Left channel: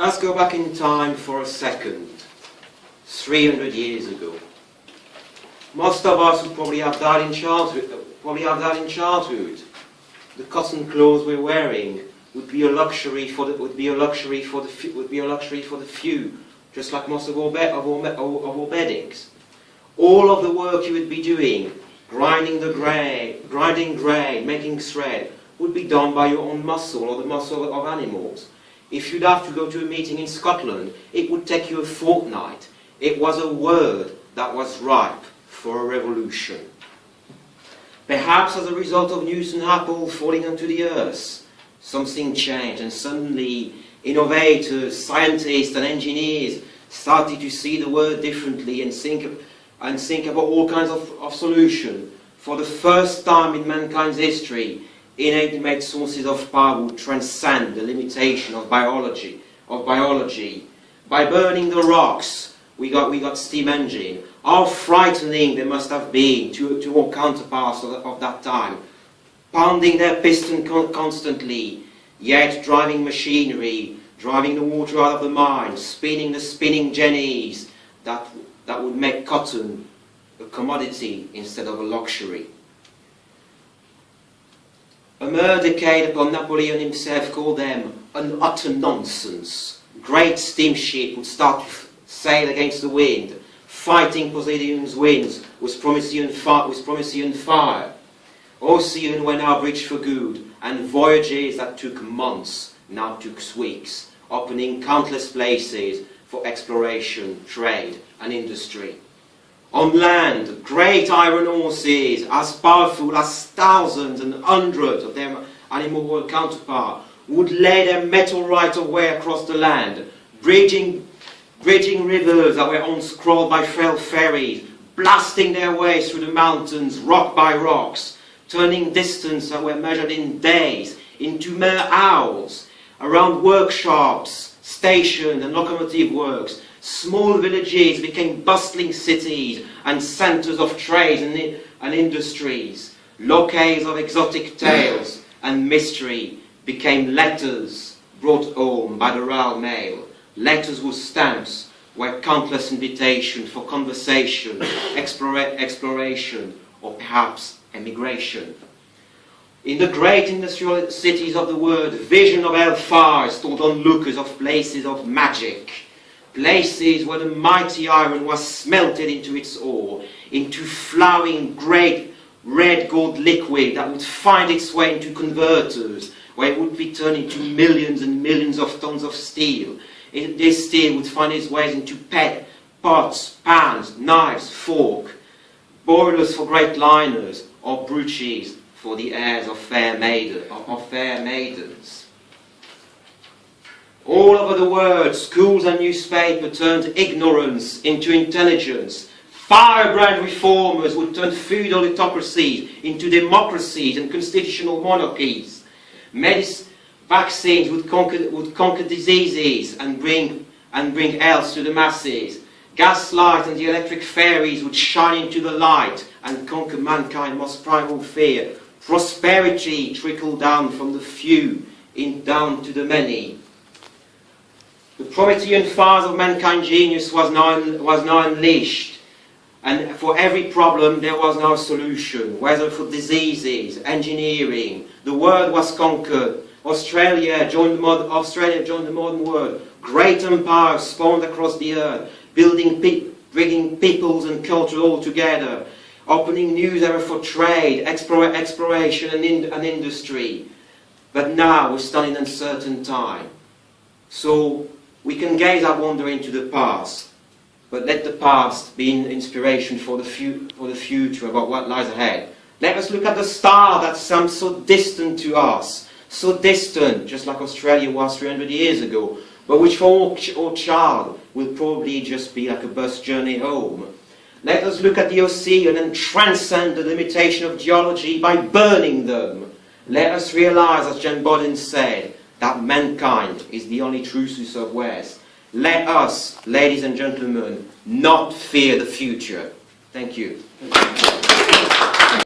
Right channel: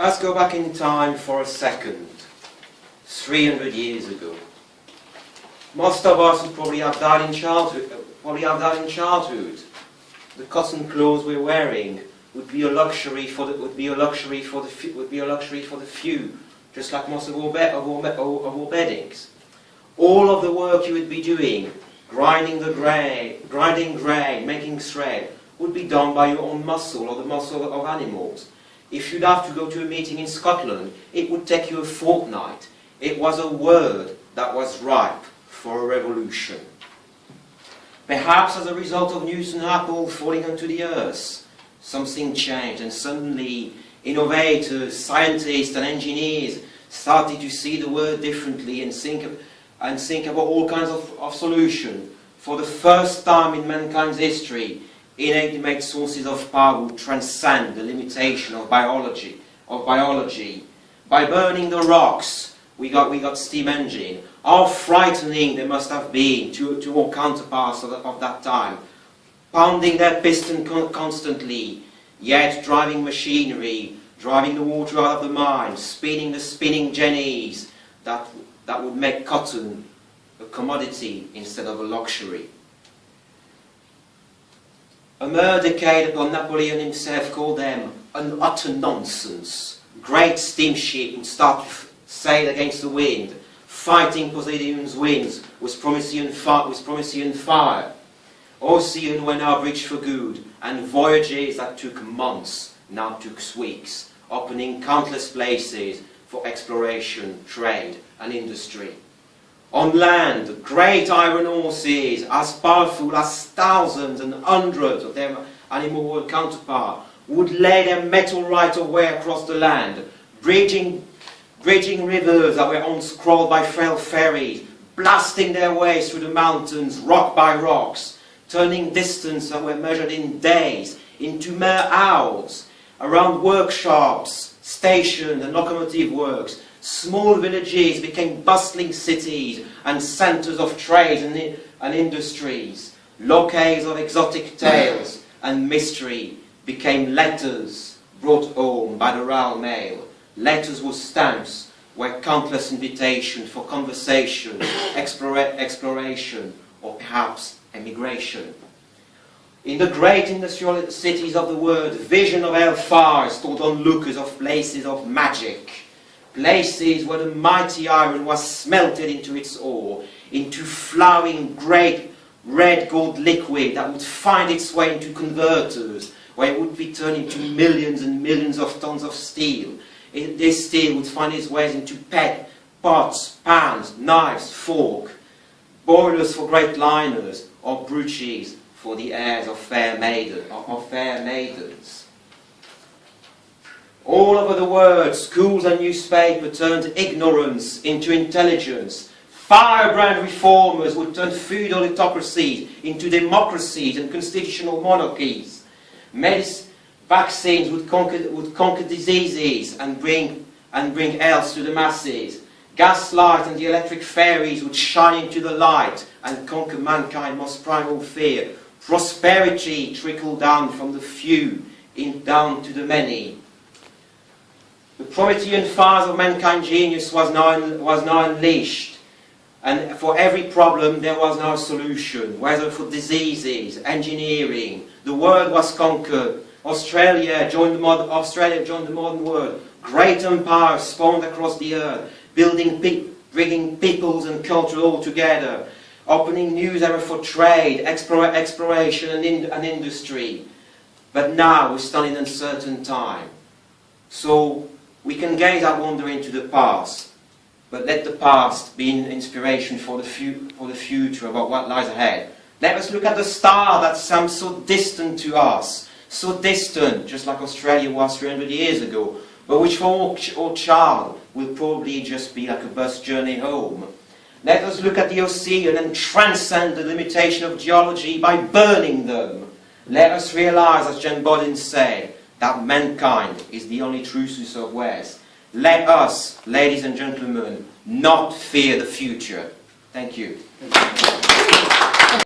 Let us go back in time for a second, 300 years ago. Most of us would probably have died in childhood. The cotton clothes we're wearing would be a luxury for the few, just like most of our beddings. All of the work you would be doing, grinding grain, making thread, would be done by your own muscle or the muscle of animals. If you'd have to go to a meeting in Scotland, it would take you a fortnight. It was a word that was ripe for a revolution. Perhaps as a result of Newton apple falling onto the earth, something changed, and suddenly innovators, scientists and engineers started to see the world differently and think about all kinds of solutions. For the first time in mankind's history, innate sources of power would transcend the limitation of biology. By burning the rocks, we got steam engine. How frightening they must have been to all counterparts of that time, pounding their piston constantly, yet driving machinery, driving the water out of the mine, spinning the spinning jennies that would make cotton a commodity instead of a luxury. A mere decade ago, Napoleon himself called them an utter nonsense. Great steamship would start to sail against the wind, fighting Poseidon's winds with Promethean fire. Oceans were now bridged for good, and voyages that took months now took weeks, opening countless places for exploration, trade and industry. On land, great iron horses, as powerful as thousands and hundreds of their animal world counterparts, would lay their metal right-of-way across the land, bridging rivers that were once crawled by frail ferries, blasting their way through the mountains, rock by rocks, turning distance that were measured in days into mere hours. Around workshops, stations and locomotive works, small villages became bustling cities and centres of trade and industries. Locales of exotic tales and mystery became letters brought home by the Royal Mail. Letters with stamps were countless invitations for conversation, exploration, or perhaps emigration. In the great industrial cities of the world, vision of hellfire told onlookers of places of magic, places where the mighty iron was smelted into its ore, into flowing great red gold liquid that would find its way into converters, where it would be turned into millions and millions of tons of steel. This steel would find its way into pots, pans, knives, forks, boilers for great liners, or brooches for the heirs of fair maidens. All over the world, schools and newspapers turned ignorance into intelligence. Firebrand reformers would turn feudal autocracies into democracies and constitutional monarchies. Vaccines would conquer diseases and bring health to the masses. Gaslight and the electric fairies would shine into the light and conquer mankind's most primal fear. Prosperity trickled down from the few down to the many. The Promethean fires of mankind's genius was now unleashed, and for every problem there was now a solution, whether for diseases, engineering. The world was conquered. Australia joined the modern world. Great empires spawned across the earth, bringing peoples and culture all together, opening new eras for trade, exploration and industry. But now we stand in uncertain time. So we can gaze our wonder into the past, but let the past be an inspiration for the future about what lies ahead. Let us look at the star that seems so distant to us, so distant, just like Australia was 300 years ago, but which for our child will probably just be like a bus journey home. Let us look at the ocean and transcend the limitation of geology by burning them. Let us realize, as John Bodin said, that mankind is the only true source of wealth. Let us, ladies and gentlemen, not fear the future. Thank you.